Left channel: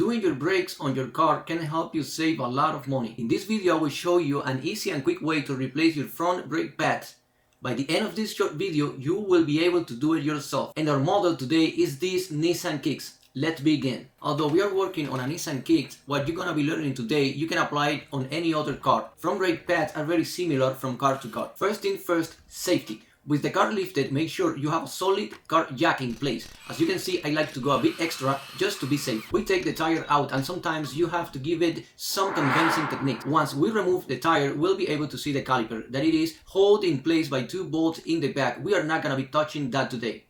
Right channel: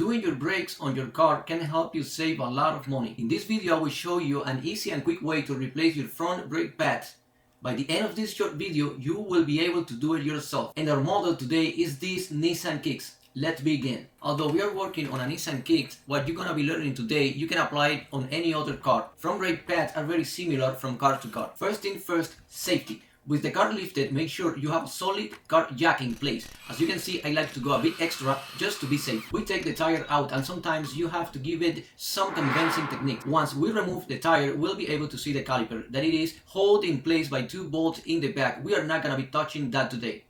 Doing your brakes on your car can help you save a lot of money. In this video, I will show you an easy and quick way to replace your front brake pads. By the end of this short video, you will be able to do it yourself. And our model today is this Nissan Kicks. Let's begin. Although we are working on a Nissan Kicks, what you're gonna be learning today, you can apply it on any other car. Front brake pads are very similar from car to car. First thing first, safety. With the car lifted, make sure you have a solid car jack in place. As you can see, I like to go a bit extra just to be safe. We take the tire out and sometimes you have to give it some convincing technique. Once we remove the tire, we'll be able to see the caliper, that it is held in place by two bolts in the back. We are not gonna be touching that today.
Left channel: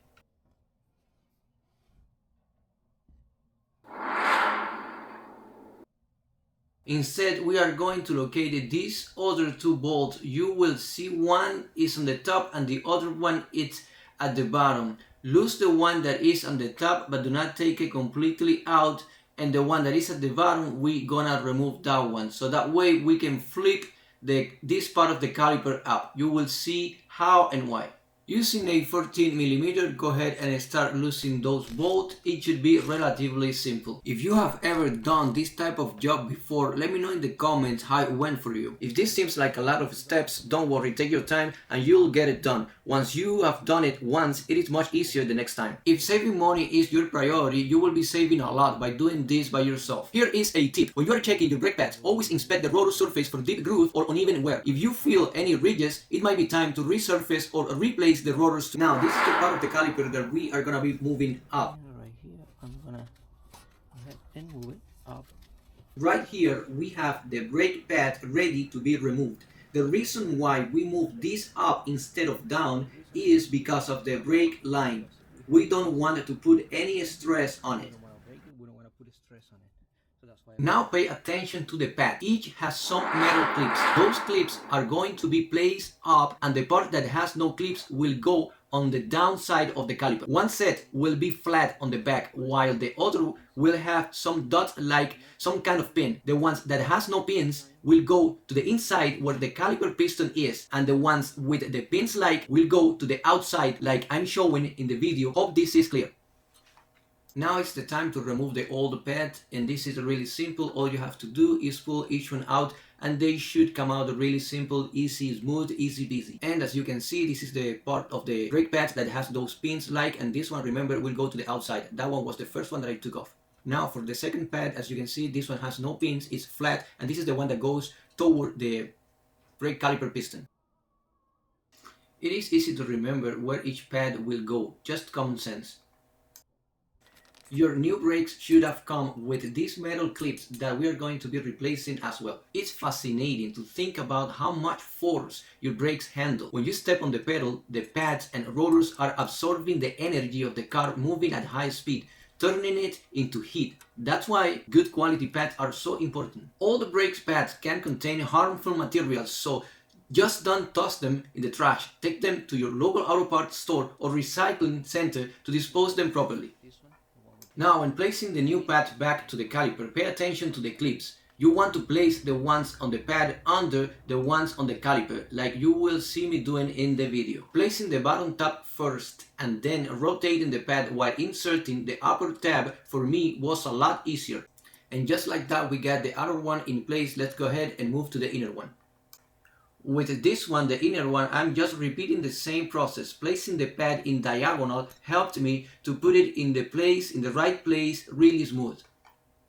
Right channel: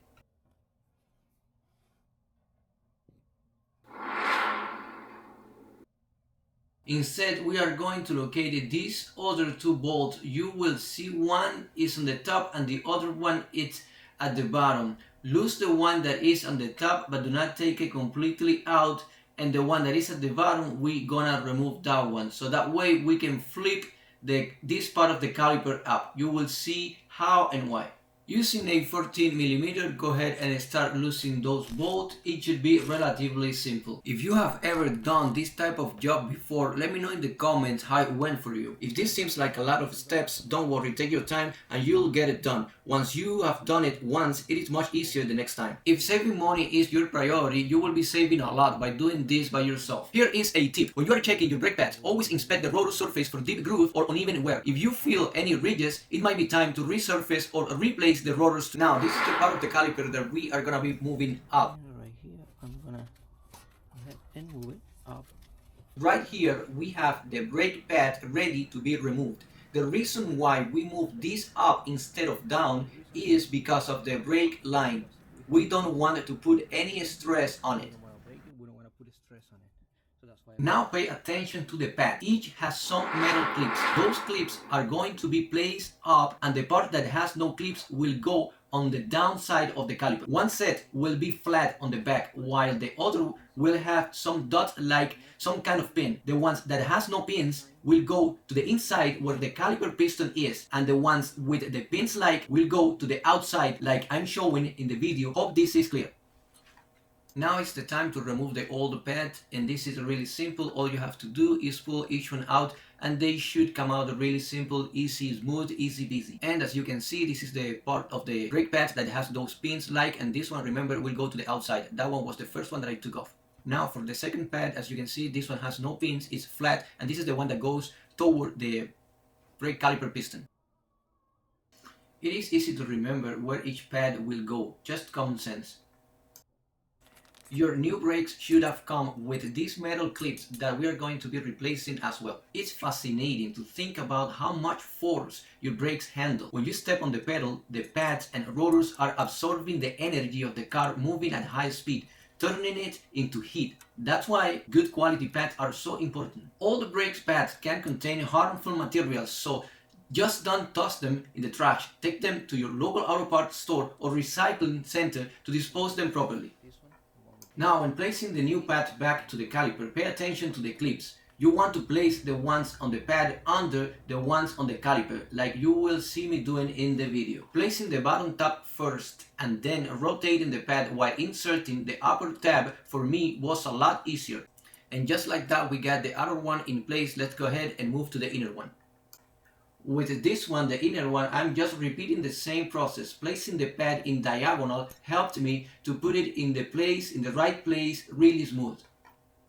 Instead, we are going to locate these other two bolts. You will see one is on the top and the other one is at the bottom. Loose the one that is on the top, but do not take it completely out. And the one that is at the bottom, we gonna remove that one. So that way we can flip this part of the caliper up. You will see how and why. Using a 14mm, go ahead and start loosening those bolts. It should be relatively simple. If you have ever done this type of job before, let me know in the comments how it went for you. If this seems like a lot of steps, don't worry, take your time and you'll get it done. Once you have done it once, it is much easier the next time. If saving money is your priority, you will be saving a lot by doing this by yourself. Here is a tip. When you are checking your brake pads, always inspect the rotor surface for deep groove or uneven wear. If you feel any ridges, it might be time to resurface or replace the rotors. Now this is the part of the caliper that we are gonna be moving up. Right here, I'm gonna go ahead and move it up. Right here we have the brake pad ready to be removed. The reason why we move this up instead of down is because of the brake line. We don't want to put any stress on it. We don't want to break it, we don't want to put stress on it. So that's why. Now pay attention to the pad. Each has some metal clips. Those clips are going to be placed up and the part that has no clips will go on the downside of the caliper. One set will be flat on the back while the other will have some dots like some kind of pin. The ones that has no pins will go to the inside where the caliper piston is, and the ones with the pins like will go to the outside like I'm showing in the video. Hope this is clear. Now it's the time to remove the old pad, and this is really simple. All you have to do is pull each one out and they should come out really simple, easy, smooth, easy peasy. And as you can see, this is the part of the brake pads that has those pins like, and this one, remember, will go to the outside. That one was the first one that I took off. Now for the second pad, as you can see, this one has no pins, it's flat, and this is the one that goes toward the brake caliper piston. It is easy to remember where each pad will go, just common sense. Your new brakes should have come with these metal clips that we are going to be replacing as well. It's fascinating to think about how much force your brakes handle. When you step on the pedal, the pads and rotors are absorbing the energy of the car moving at high speed, turning it into heat. That's why good quality pads are so important. All the brakes pads can contain harmful materials, so just don't toss them in the trash. Take them to your local auto parts store or recycling center to dispose them properly. Now, when placing the new pad back to the caliper, pay attention to the clips. You want to place the ones on the pad under the ones on the caliper, like you will see me doing in the video. Placing the bottom tab first and then rotating the pad while inserting the upper tab for me was a lot easier. And just like that, we got the outer one in place. Let's go ahead and move to the inner one. With this one, the inner one, I'm just repeating the same process. Placing the pad in diagonal helped me to put it in the right place, really smooth.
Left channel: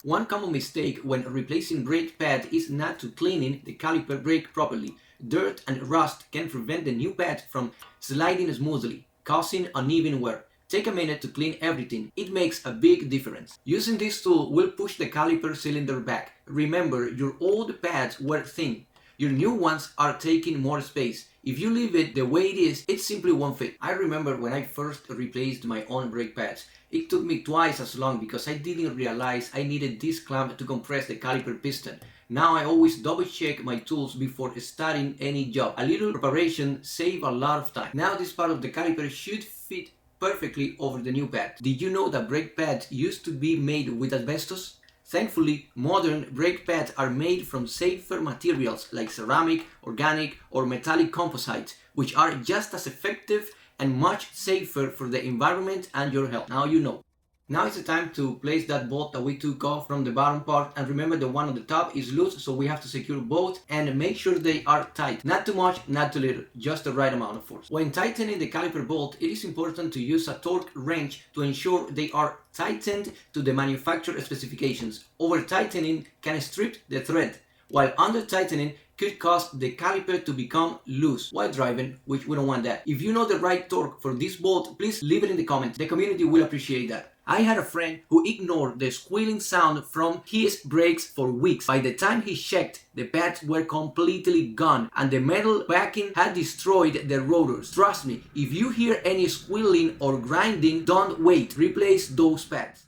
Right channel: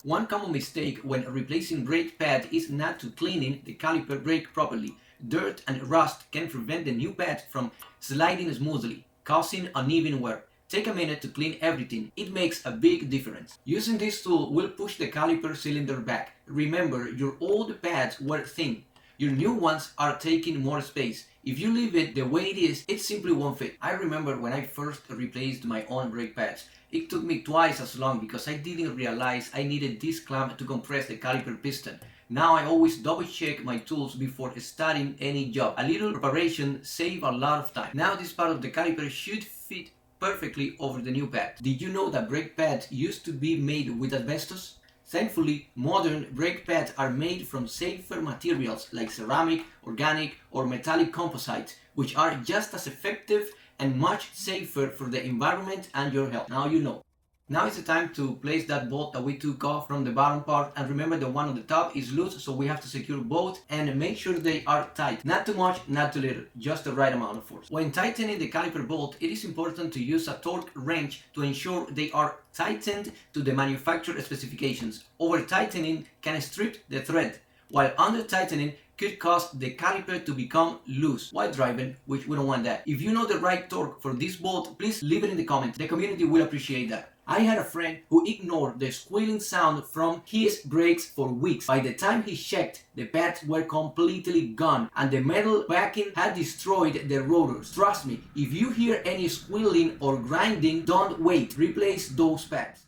One common mistake when replacing brake pad is not to cleaning the caliper brake properly. Dirt and rust can prevent the new pad from sliding smoothly, causing uneven wear. Take a minute to clean everything. It makes a big difference. Using this tool will push the caliper cylinder back. Remember, your old pads were thin. Your new ones are taking more space. If you leave it the way it is, it simply won't fit. I remember when I first replaced my own brake pads. It took me twice as long because I didn't realize I needed this clamp to compress the caliper piston. Now I always double check my tools before starting any job. A little preparation saves a lot of time. Now this part of the caliper should fit perfectly over the new pad. Did you know that brake pads used to be made with asbestos? Thankfully, modern brake pads are made from safer materials like ceramic, organic, or metallic composites, which are just as effective and much safer for the environment and your health. Now you know. Now it's the time to place that bolt that we took off from the bottom part, and remember the one on the top is loose, so we have to secure both and make sure they are tight. Not too much, not too little, just the right amount of force. When tightening the caliper bolt, it is important to use a torque wrench to ensure they are tightened to the manufacturer specifications. Over tightening can strip the thread, while under tightening could cause the caliper to become loose while driving, which we don't want that. If you know the right torque for this bolt, please leave it in the comments. The community will appreciate that. I had a friend who ignored the squealing sound from his brakes for weeks. By the time he checked, the pads were completely gone and the metal backing had destroyed the rotors. Trust me, if you hear any squealing or grinding, don't wait. Replace those pads.